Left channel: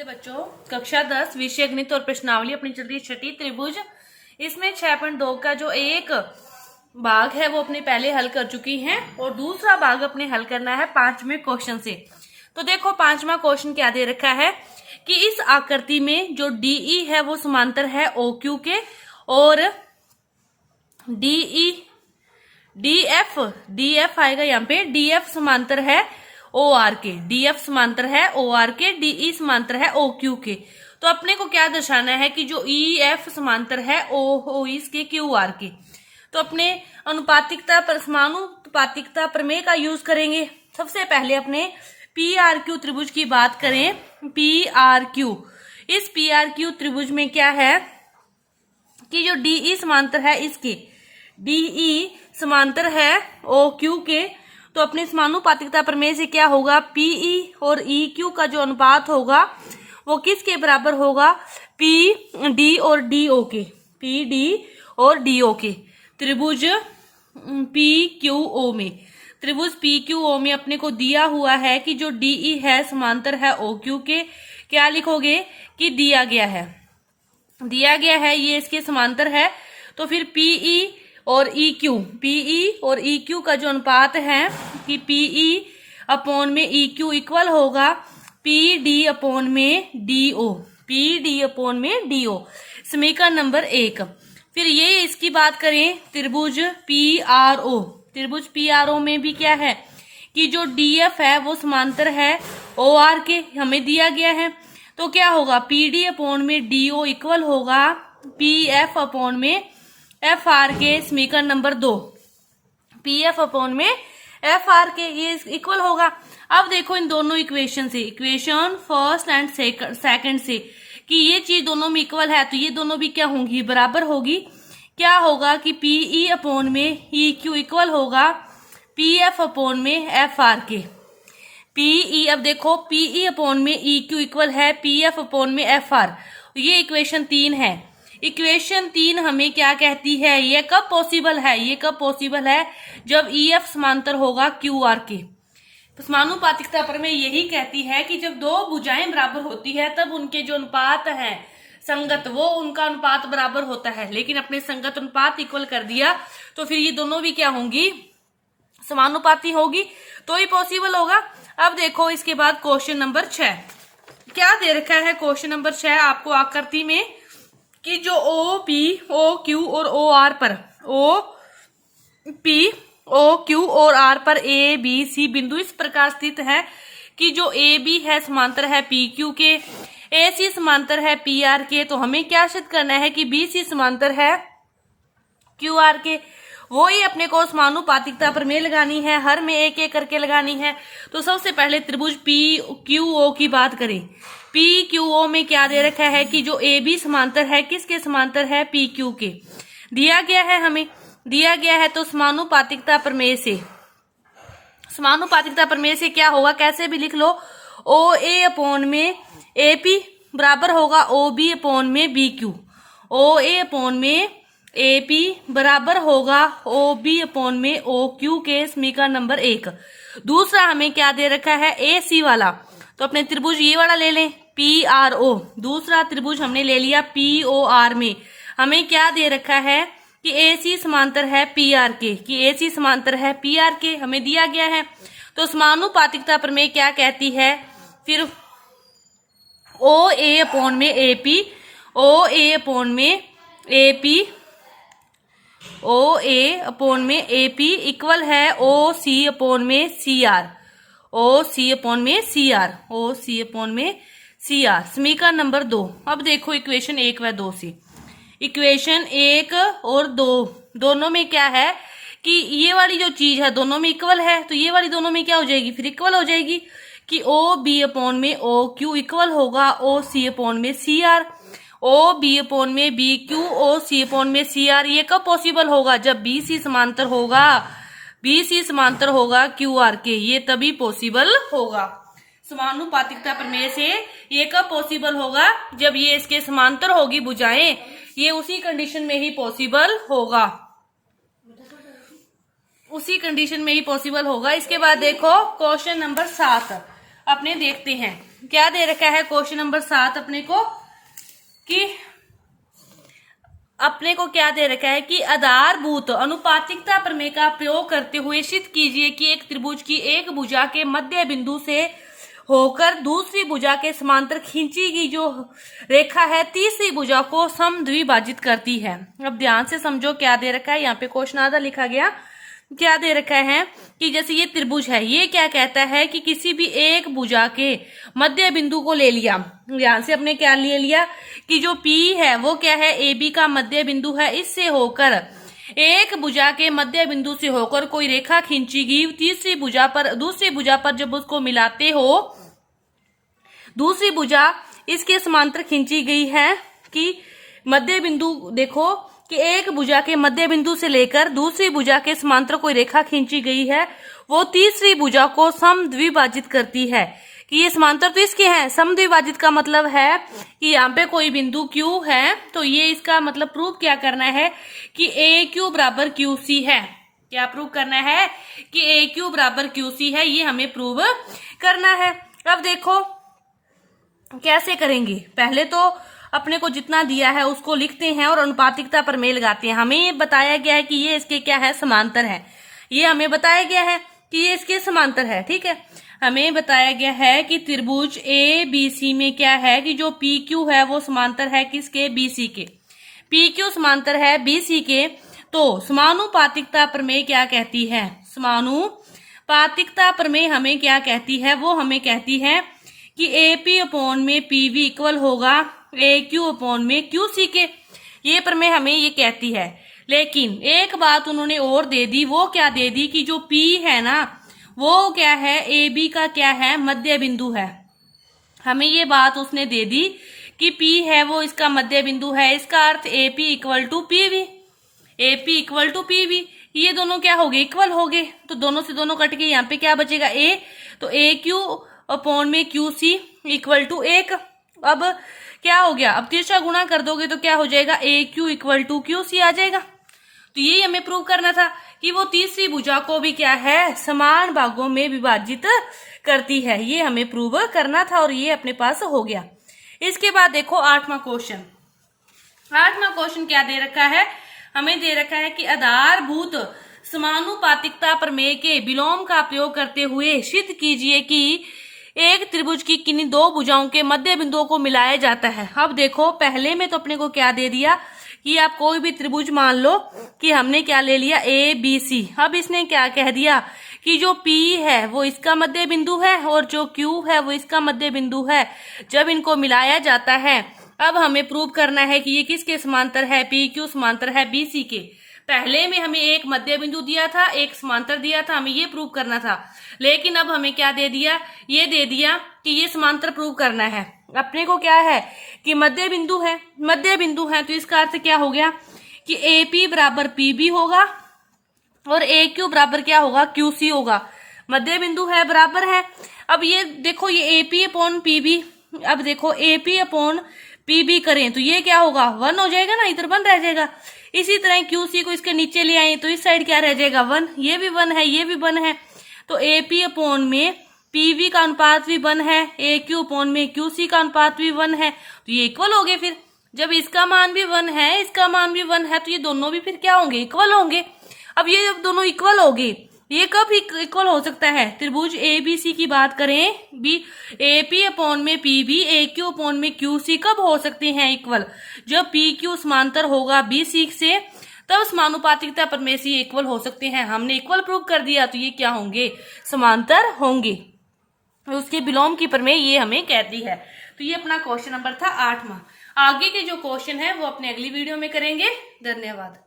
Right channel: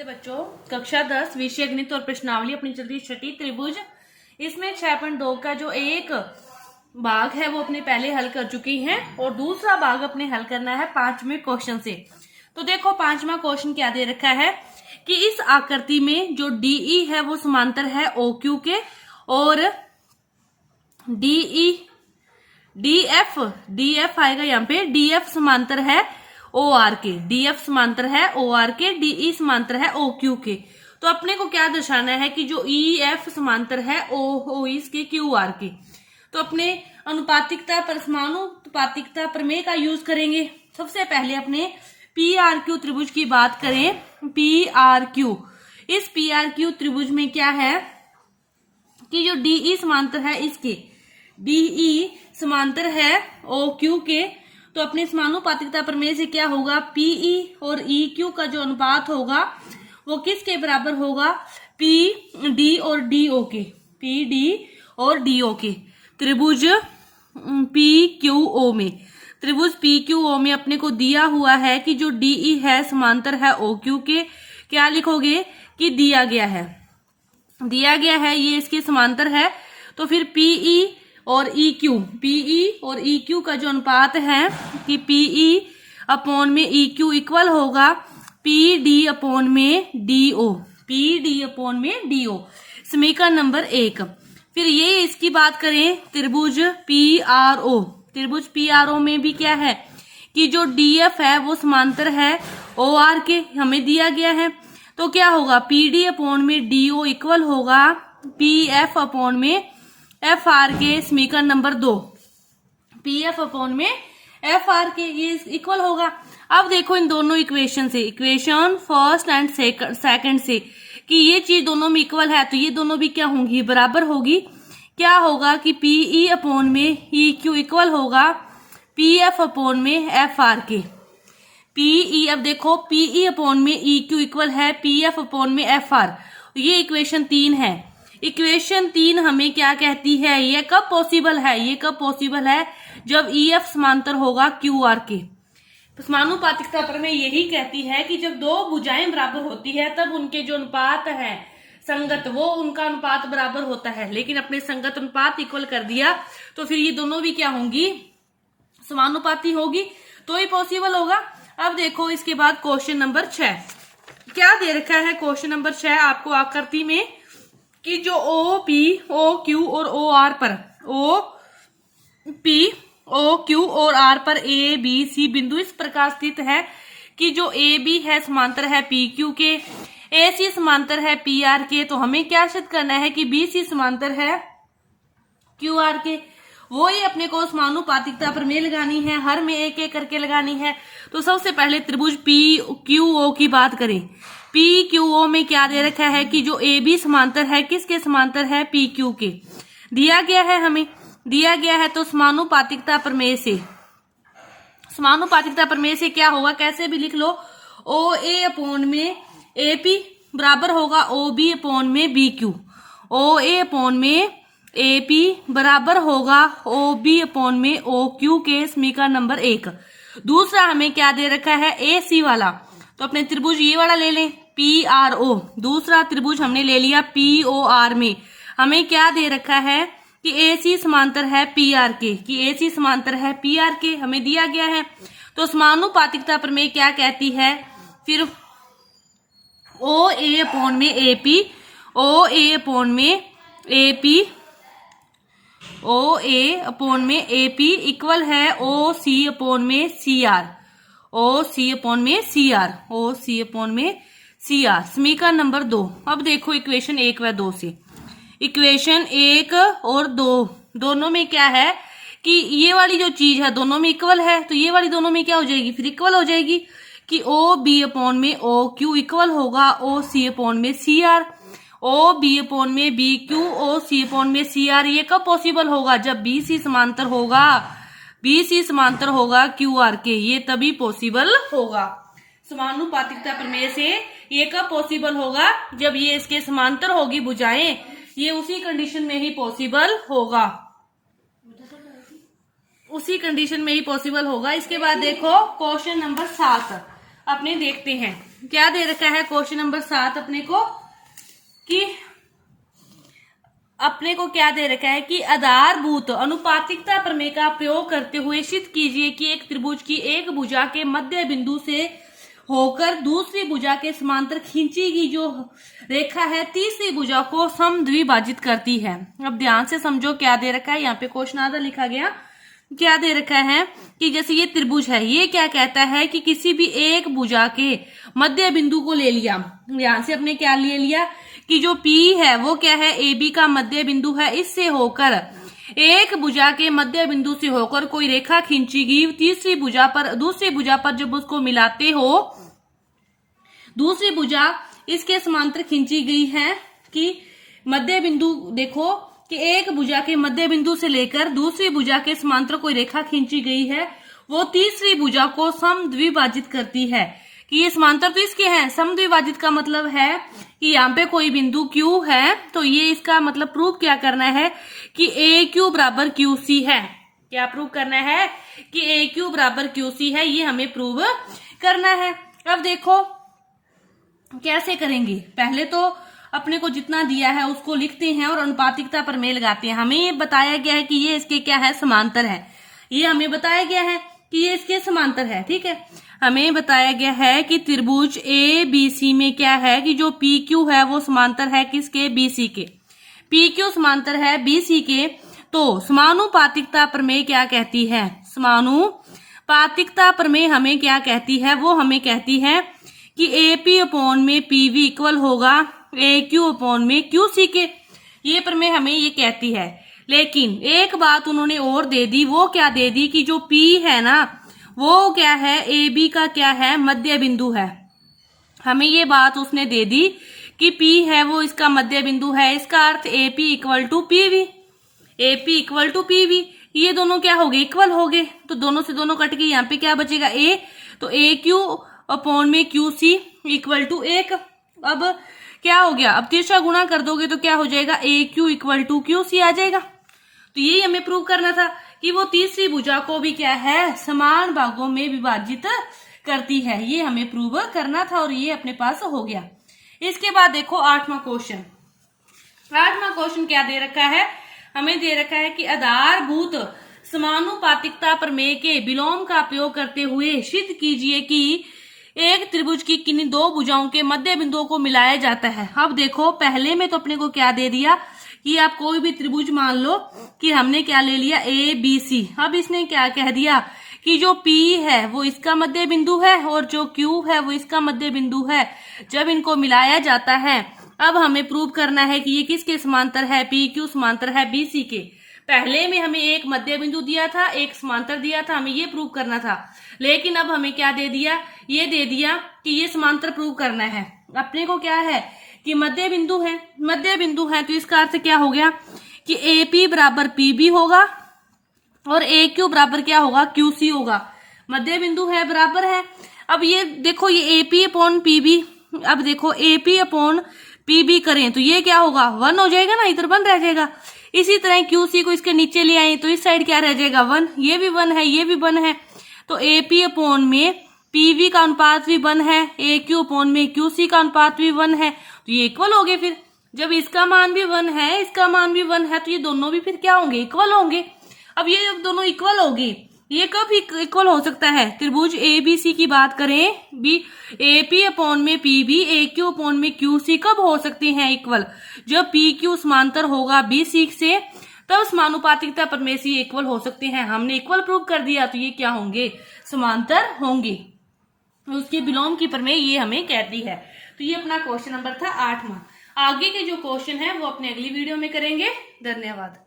नमस्ते बच्चों, कक्षा 10 विषय गणित और प्रश्नावली अपनी चल रही छठी त्रिभुज। इसमें 6.2 का जो एक भाग है वो अपने पहले हल कर चुकी हैं और दूसरा भाग अपने हल करना है 5वें क्वेश्चन से। तो देखो 5वां क्वेश्चन क्या दे रखा है कि इस आकृति में जो DE है वो समांतर है OQ के और DF आएगा यहाँ पे, DF समांतर है OR के, DF समांतर है OR के, DE समांतर है OQ के। तो अपने को क्या दर्शाना है कि जो EF समांतर है O इसके QR के। तो अपने अनुपातिकता पर समानुपातिकता प्रमेय का यूज करेंगे। सबसे पहले अपने PRQ त्रिभुज की बात करें। PRQ, इस PRQ त्रिभुज में क्या है कि जो DE समांतर है इसके, DE समांतर है OQ के। तो अपने समानुपातिकता प्रमेय से क्या होगा, PE और EQ का जो अनुपात होगा वो किसके बराबर होगा, PD और DO के, PD और DO के। त्रिभुज PQO में, त्रिभुज PQO में अपने को दिया हुआ है कि जो DE है समांतर है OQ के। क्या लिखोगे कि दिया गया है ये इसके समांतर है। तो फिर PE और EQ का जो अनुपात है कि PE अपॉन में EQ इक्वल होगा PD अपॉन में DO, समीकरण नंबर 1। फिर ये इसकी बात करें त्रिभुज PRO में भी क्या है कि जो DF है वो समांतर है OR के, हमें दिया गया है। तो क्या होगा, PD अपॉन में DO इक्वल होगा PF अपॉन में FR के, समीकरण नंबर 2। PF अपॉन में FR के ये इक्वल होगा। अब देखो इन दोनों इक्वेशन से, इक्वेशन फर्स्ट एंड सेकंड से कि ये चीज दोनों में इक्वल है तो ये दोनों भी क्या होंगी, बराबर होगी। क्या होगा कि PE अपॉन में EQ इक्वल होगा PF अपॉन में FR के। PE, अब देखो PE अपॉन में EQ इक्वल है PF अपॉन में FR। ये इक्वेशन 3 है। इक्वेशन 3 हमें क्या कहती है, ये कब पॉसिबल है, जब EF समांतर होगा QR के। समानुपातिकता प्रमेय यही कहती है कि जब दो भुजाएं बराबर होती है तब उनके जो अनुपात है संगत, वो उनका अनुपात बराबर होता है। लेकिन अपने संगत अनुपात इक्वल कर दिया तो फिर ये दोनों भी क्या होंगी, समानुपाती होगी, तो ही पॉसिबल होगा। अब देखो इसके बाद क्वेश्चन नंबर 6 क्या दे रखा है। क्वेश्चन नंबर 6 आपको आकृति में कि जो OP, OQ और OR पर, OP, OQ और R पर ABC बिंदु इस प्रकार स्थित है कि जो AB है समांतर है PQ के, AC समांतर है PR के। तो हमें क्या सिद्ध करना है कि BC समांतर है QR के। वो ही अपने को समानुपातिकता प्रमेय लगानी है, हर में एक एक करके लगानी है। तो सबसे पहले त्रिभुज PQO की बात करें। PQO में क्या दे रखा है कि जो AB समांतर है किसके समांतर है, PQ के। दिया गया है तो समानुपातिकता प्रमेय से क्या होगा, कैसे भी लिख लो, OA अपॉन में AP बराबर होगा OB अपॉन में BQ। OA अपॉन में AP बराबर होगा OB अपॉन में OQ के, समीकरण नंबर 1। दूसरा हमें क्या दे रखा है, AC वाला। तो अपने त्रिभुज ये वाला ले लें PRO। दूसरा त्रिभुज हमने ले लिया POR में हमें क्या दे रखा है कि AC समांतर है PR के, हमें दिया गया है। तो समानुपातिकता प्रमेय क्या कहती है, फिर OA अपॉन में AP इक्वल है OC अपॉन में CR, समीकरण नंबर 2। अब देखो इक्वेशन 1 व 2 से, इक्वेशन 1 और 2 दोनों में क्या है कि ये वाली जो चीज है दोनों में इक्वल है, तो ये वाली दोनों में क्या हो जाएगी, फिर इक्वल हो जाएगी कि OB अपॉन में OQ इक्वल होगा OC अपॉन में CR। OB अपॉन में BQ OC अपॉन में CR। ये कब पॉसिबल होगा, जब BC समांतर होगा QR के, ये तभी पॉसिबल होगा। समानुपातिकता प्रमेय से ये कब पॉसिबल होगा, जब ये इसके समांतर होगी भुजाएं, ये उसी कंडीशन में ही पॉसिबल होगा। इसके बाद देखो क्वेश्चन नंबर 7। अपने देखते हैं क्या दे रखा है क्वेश्चन नंबर 7 अपने को, कि अपने को क्या दे रखा है कि आधारभूत अनुपातिकता प्रमेय का प्रयोग करते हुए सिद्ध कीजिए कि एक त्रिभुज की एक भुजा के मध्य बिंदु से होकर दूसरी भुजा के समांतर खींची गई जो रेखा है तीसरी भुजा को समद्विभाजित करती है। अब ध्यान से समझो क्या दे रखा है, यहाँ पे क्वेश्चन आधा लिखा गया, क्या दे रखा है कि जैसे ये त्रिभुज है, ये क्या कहता है कि किसी भी एक भुजा के मध्य बिंदु को ले लिया। ध्यान से अपने क्या ले लिया कि जो P है वो क्या है, AB का मध्य बिंदु है, इससे होकर एक भुजा के मध्य बिंदु से होकर कोई रेखा खींची गई तीसरी भुजा पर, दूसरी भुजा पर जब उसको मिलाते हो, दूसरी भुजा इसके समांतर खींची गई है कि मध्य बिंदु देखो कि एक भुजा के मध्य बिंदु से लेकर दूसरी भुजा के समांतर कोई रेखा खींची गई है, वो तीसरी भुजा को समद्विभाजित करती है। कि ये समांतर तो इसके हैं, समद्विभाजित का मतलब है कि यहाँ पे कोई बिंदु Q है, तो ये इसका मतलब प्रूव क्या करना है कि AQ बराबर QC है। क्या प्रूव करना है कि AQ बराबर QC है, ये हमें प्रूव करना है। अब देखो कैसे करेंगे, पहले तो अपने को जितना दिया है उसको लिखते हैं और अनुपातिकता प्रमेय लगाते हैं। हमें ये बताया गया है कि ये इसके क्या है, समांतर है। ये हमें बताया गया है कि ये इसके समांतर है, ठीक है। हमें बताया गया है कि त्रिभुज ABC में क्या है कि जो PQ है वो समांतर है किसके, BC के। PQ समांतर है BC के, तो समानुपातिकता प्रमेय क्या कहती है, समानुपातिकता प्रमेय हमें क्या कहती है, वो हमें कहती है कि AP अपॉन में PV इक्वल होगा AQ अपॉन में QC के। ये प्रमेय हमें ये कहती है। लेकिन एक बात उन्होंने और दे दी, वो क्या दे दी कि जो P है ना वो क्या है, AB का क्या है, मध्य बिंदु है। हमें ये बात उसने दे दी कि P है वो इसका मध्य बिंदु है, इसका अर्थ AP equal to PV, AP equal to PV। ये दोनों क्या हो गए, इक्वल हो गए, तो दोनों से दोनों कट के यहाँ पे क्या बचेगा, A, तो AQ अपॉन में QC इक्वल टू 1। अब क्या हो गया, अब तिरछा गुणा कर दोगे तो क्या हो जाएगा, AQ इक्वल टू QC आ जाएगा। तो यही हमें प्रूव करना था कि वो तीसरी भुजा को भी क्या है, समान भागों में विभाजित करती है। ये हमें प्रूव करना था और ये अपने पास हो गया। इसके बाद देखो 8वां क्वेश्चन। 8वां क्वेश्चन क्या दे रखा है, हमें दे रखा है कि आधारभूत समानुपातिकता प्रमेय के विलोम का प्रयोग करते हुए सिद्ध कीजिए कि एक त्रिभुज की किन्हीं दो भुजाओं के मध्य बिंदुओं को मिलाया जाता है। अब देखो पहले में तो अपने को क्या दे दिया कि आप कोई भी त्रिभुज मान लो कि हमने क्या ले लिया, ABC। अब इसने क्या कह दिया कि जो P है वो इसका मध्य बिंदु है और जो Q है वो इसका मध्य बिंदु है। जब इनको मिलाया जाता है, अब हमें प्रूव करना है कि ये किसके समांतर है, PQ समांतर है BC के। पहले में हमें एक मध्य बिंदु दिया था, एक समांतर दिया था, हमें ये प्रूव करना था। लेकिन अब हमें क्या दे दिया, ये दे दिया कि ये समांतर प्रूव करना है। अपने को क्या है कि मध्य बिंदु है, मध्य बिंदु है, तो इसका अर्थ क्या हो गया कि AP बराबर PB होगा और AQ बराबर क्या होगा, QC होगा। मध्य बिंदु है, बराबर है। अब ये देखो ये AP अपॉन PB, अब देखो AP अपॉन PB करें तो ये क्या होगा, 1 हो जाएगा ना, इधर 1 रह जाएगा। इसी तरह QC को इसके नीचे ले आए तो इस साइड क्या रह जाएगा, 1, ये भी 1 है, ये भी 1 है। तो AP अपॉन में PV का अनुपात भी 1 है, AQ अपॉन में QC का अनुपात भी 1 है, तो ये इक्वल हो गए। फिर जब इसका मान भी 1 है, इसका मान भी 1 है, तो ये दोनों भी फिर क्या होंगे, इक्वल होंगे। अब ये जब दोनों इक्वल होगी, ये कब इक्वल हो सकता है, त्रिभुज ABC की बात करें, AP अपॉन में PB, AQ अपॉन में QC कब हो सकते हैं इक्वल, जब PQ समांतर होगा BC से, तब समानुपातिकता प्रमेय से इक्वल हो सकते हैं। हमने इक्वल प्रूव कर दिया तो ये क्या होंगे, समांतर होंगे। उसके विलोम की प्रमेय ये हमें कहती है। तो ये अपना क्वेश्चन नंबर था 8वां। आगे के जो क्वेश्चन है वो अपने अगली वीडियो में करेंगे। धन्यवाद।